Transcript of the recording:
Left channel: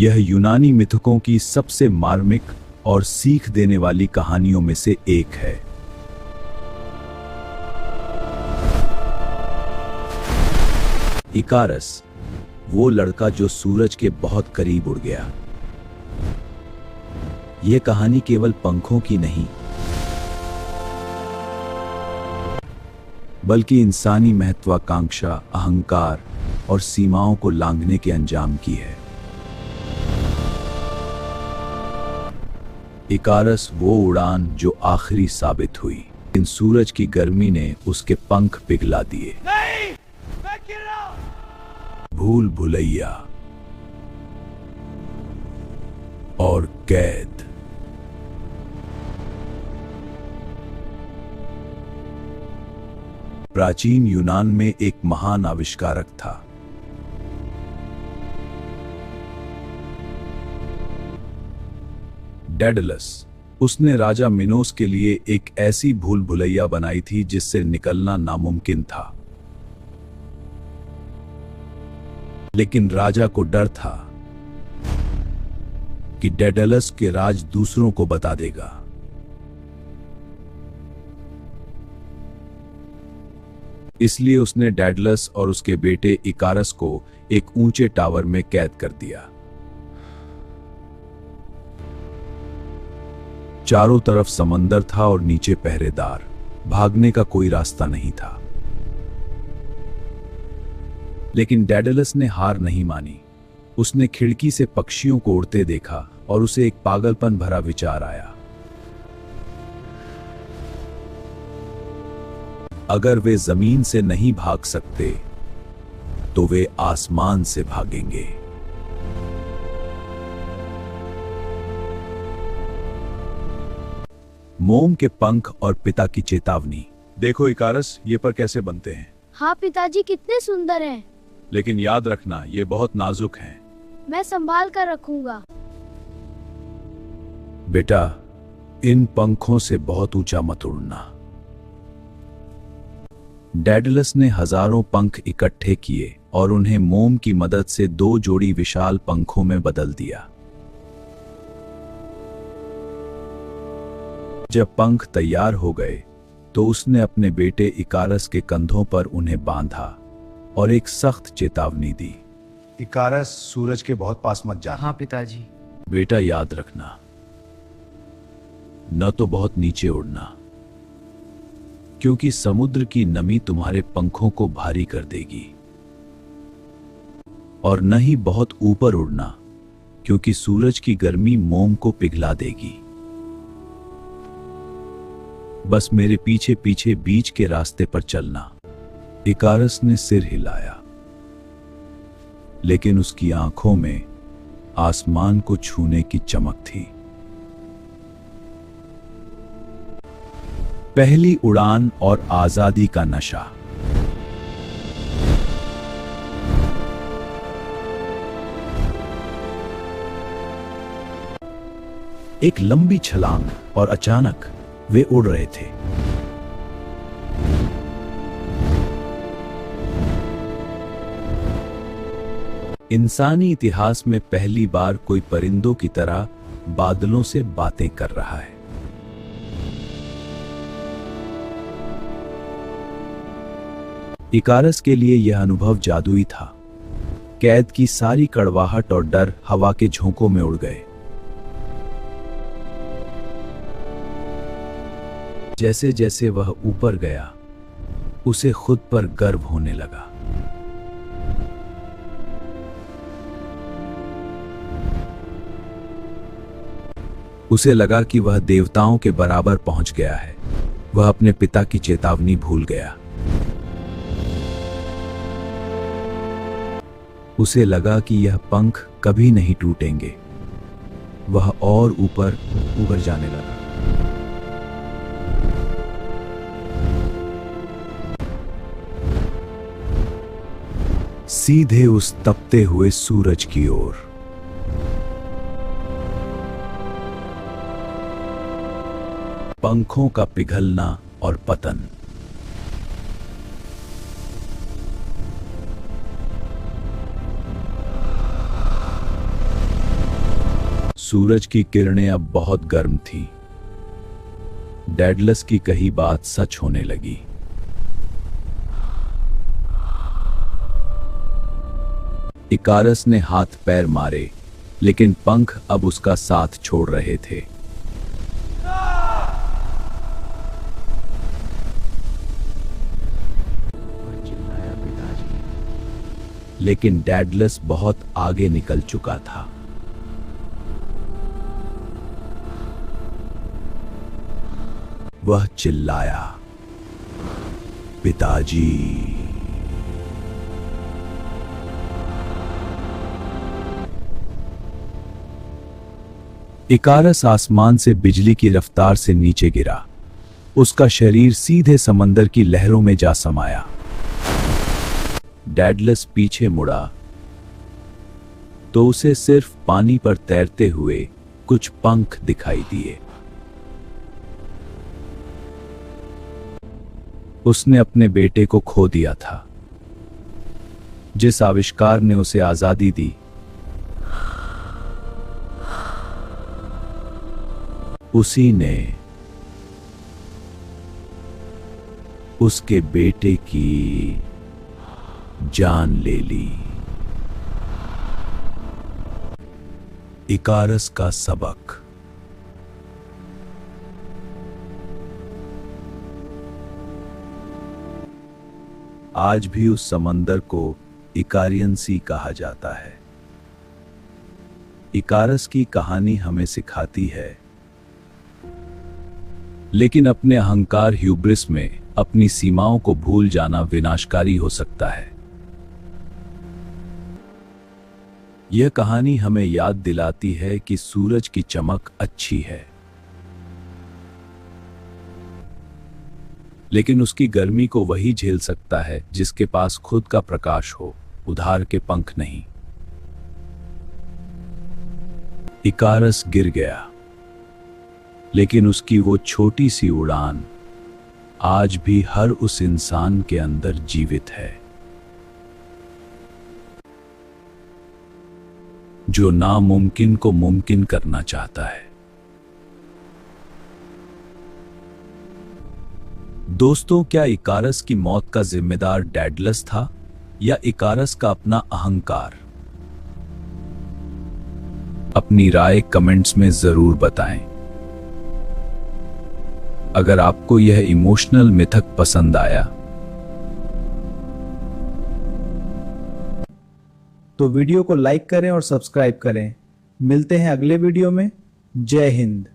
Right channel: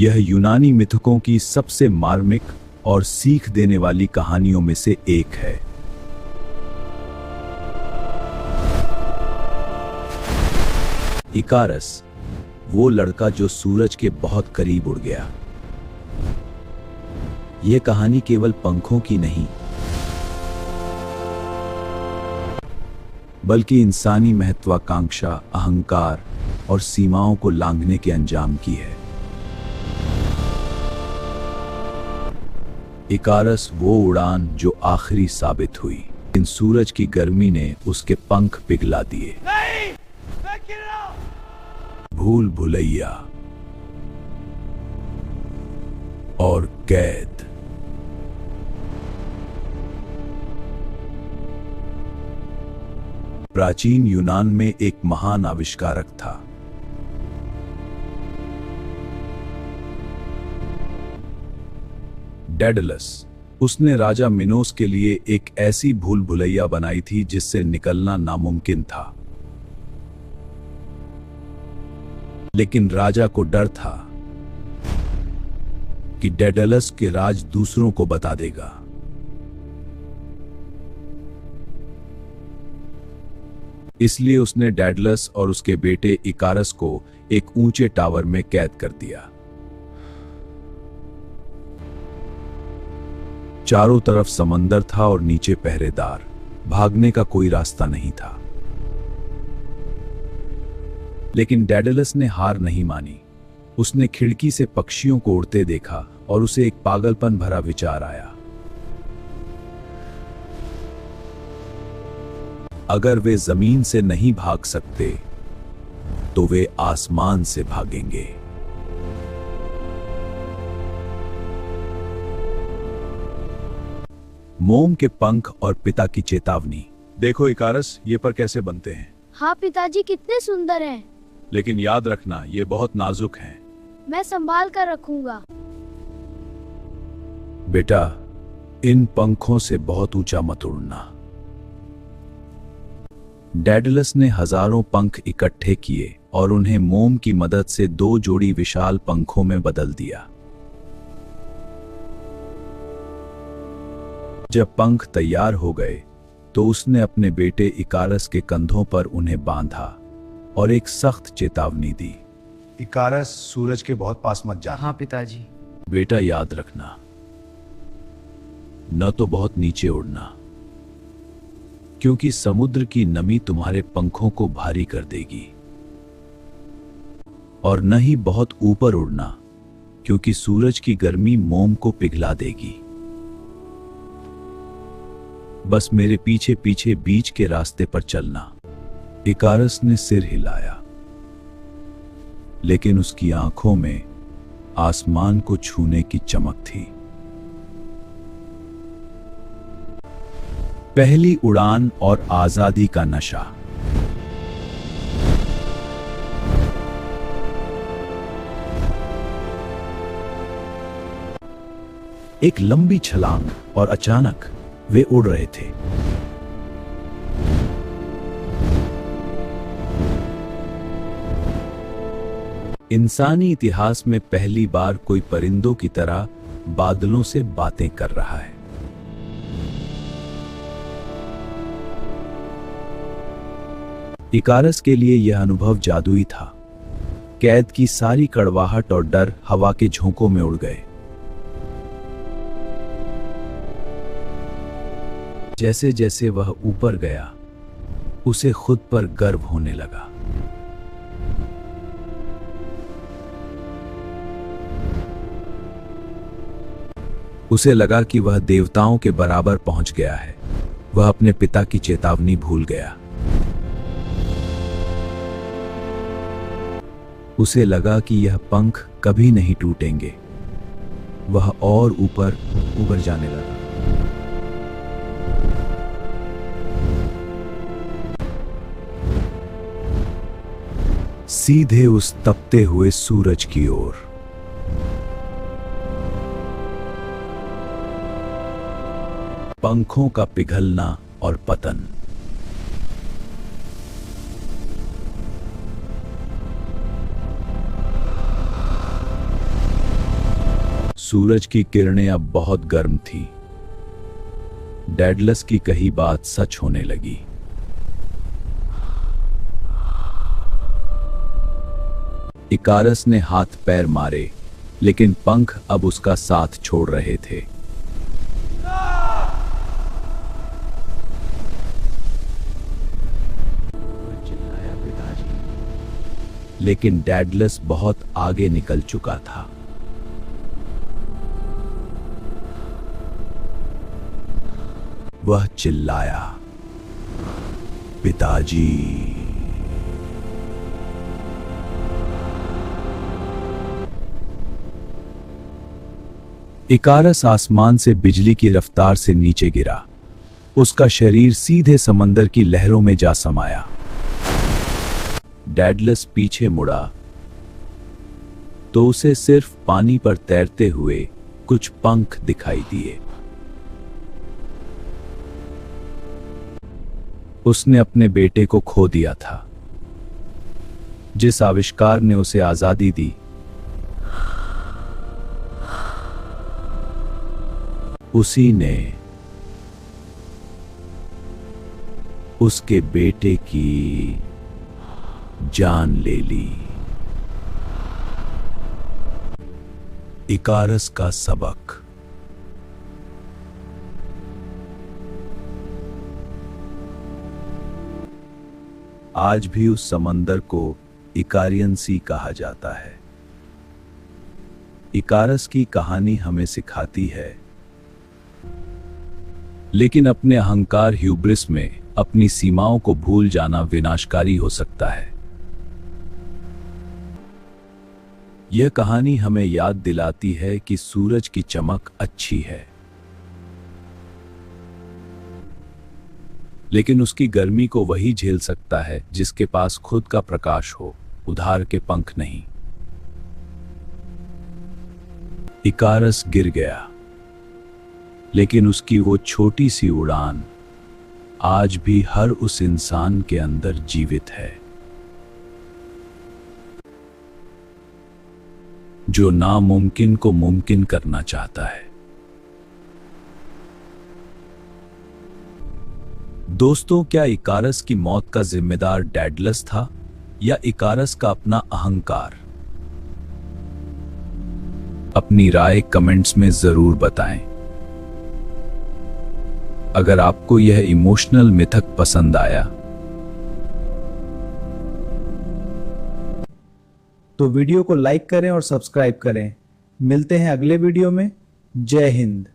यह यूनानी मिथकों की सबसे मार्मिक और सीख देने वाली कहानियों में से एक है। इकारस, वो लड़का जो सूरज के बहुत करीब उड़ गया। यह कहानी केवल पंखों की नहीं, बल्कि इंसानी महत्वाकांक्षा, अहंकार और सीमाओं को लांघने के अंजाम की है। इकारस वो उड़ान जो आखिरी साबित हुई, इन सूरज की गर्मी ने उसके पंख पिघला दिए। भूल भुलैया और कैद। प्राचीन यूनान में एक महान आविष्कारक था। डेडलस। उसने राजा मिनोस के लिए एक ऐसी भूल भुलैया बनाई थी जिससे निकलना नामुमकिन था। लेकिन राजा को डर था कि डेडलस के राज दूसरों को बता देगा। इसलिए उसने डेडलस और उसके बेटे इकारस को एक ऊंचे टावर में कैद कर दिया। चारों तरफ समंदर था और नीचे पहरेदार। भागने का कोई रास्ता नहीं था। लेकिन डेडलस ने हार नहीं मानी। उसने खिड़की से पक्षियों को उड़ते देखा और उसे एक पागलपन भरा विचार आया। अगर वे जमीन से नहीं भाग सकते तो वे आसमान से भागेंगे। मोम के पंख और पिता की चेतावनी। देखो इकारस, ये पर कैसे बनते हैं। हाँ पिताजी, कितने सुंदर हैं। लेकिन याद रखना, ये बहुत नाजुक हैं। मैं संभाल कर रखूंगा। बेटा, इन पंखों से बहुत ऊंचा मत उड़ना। डेडलस ने हजारों पंख इकट्ठे किए और उन्हें मोम की मदद से 2 जोड़ी विशाल पंखों में बदल दिया। जब पंख तैयार हो गए तो उसने अपने बेटे इकारस के कंधों पर उन्हें बांधा और एक सख्त चेतावनी दी। इकारस, सूरज के बहुत पास मत जा। हाँ पिताजी। बेटा, याद रखना, न तो बहुत नीचे उड़ना, क्योंकि समुद्र की नमी तुम्हारे पंखों को भारी कर देगी, और न ही बहुत ऊपर उड़ना, क्योंकि सूरज की गर्मी मोम को पिघला देगी। बस मेरे पीछे पीछे बीच के रास्ते पर चलना। इकारस ने सिर हिलाया, लेकिन उसकी आंखों में आसमान को छूने की चमक थी। पहली उड़ान और आजादी का नशा। एक लंबी छलांग और अचानक वे उड़ रहे थे। इंसानी इतिहास में पहली बार कोई परिंदों की तरह बादलों से बातें कर रहा है। इकारस के लिए यह अनुभव जादुई था। कैद की सारी कड़वाहट और डर हवा के झोंकों में उड़ गए। जैसे जैसे वह ऊपर गया, उसे खुद पर गर्व होने लगा। उसे लगा कि वह देवताओं के बराबर पहुंच गया है। वह अपने पिता की चेतावनी भूल गया। उसे लगा कि यह पंख कभी नहीं टूटेंगे। वह और ऊपर ऊपर जाने लगा। सीधे उस तपते हुए सूरज की ओर। पंखों का पिघलना और पतन। सूरज की किरणें अब बहुत गर्म थी। डेडलस की कही बात सच होने लगी। इकारस ने हाथ पैर मारे, लेकिन पंख अब उसका साथ छोड़ रहे थे। लेकिन डेडलस बहुत आगे निकल चुका था। वह चिल्लाया, पिताजी। इकारस आसमान से बिजली की रफ्तार से नीचे गिरा। उसका शरीर सीधे समंदर की लहरों में जा समाया। डेडलस पीछे मुड़ा तो उसे सिर्फ पानी पर तैरते हुए कुछ पंख दिखाई दिए। उसने अपने बेटे को खो दिया था, जिस आविष्कार ने उसे आजादी दी। उसी ने उसके बेटे की जान ले ली। इकारस का सबक। आज भी उस समंदर को इकारियन सी कहा जाता है। इकारस की कहानी हमें सिखाती है, लेकिन अपने अहंकार ह्यूब्रिस में अपनी सीमाओं को भूल जाना विनाशकारी हो सकता है। यह कहानी हमें याद दिलाती है कि सूरज की चमक अच्छी है, लेकिन उसकी गर्मी को वही झेल सकता है जिसके पास खुद का प्रकाश हो, उधार के पंख नहीं। इकारस गिर गया, लेकिन उसकी वो छोटी सी उड़ान आज भी हर उस इंसान के अंदर जीवित है जो नामुमकिन को मुमकिन करना चाहता है। दोस्तों, क्या इकारस की मौत का जिम्मेदार डेडलस था या इकारस का अपना अहंकार? अपनी राय कमेंट्स में जरूर बताएं। अगर आपको यह इमोशनल मिथक पसंद आया तो वीडियो को लाइक करें और सब्सक्राइब करें। मिलते हैं अगले वीडियो में। जय हिंद।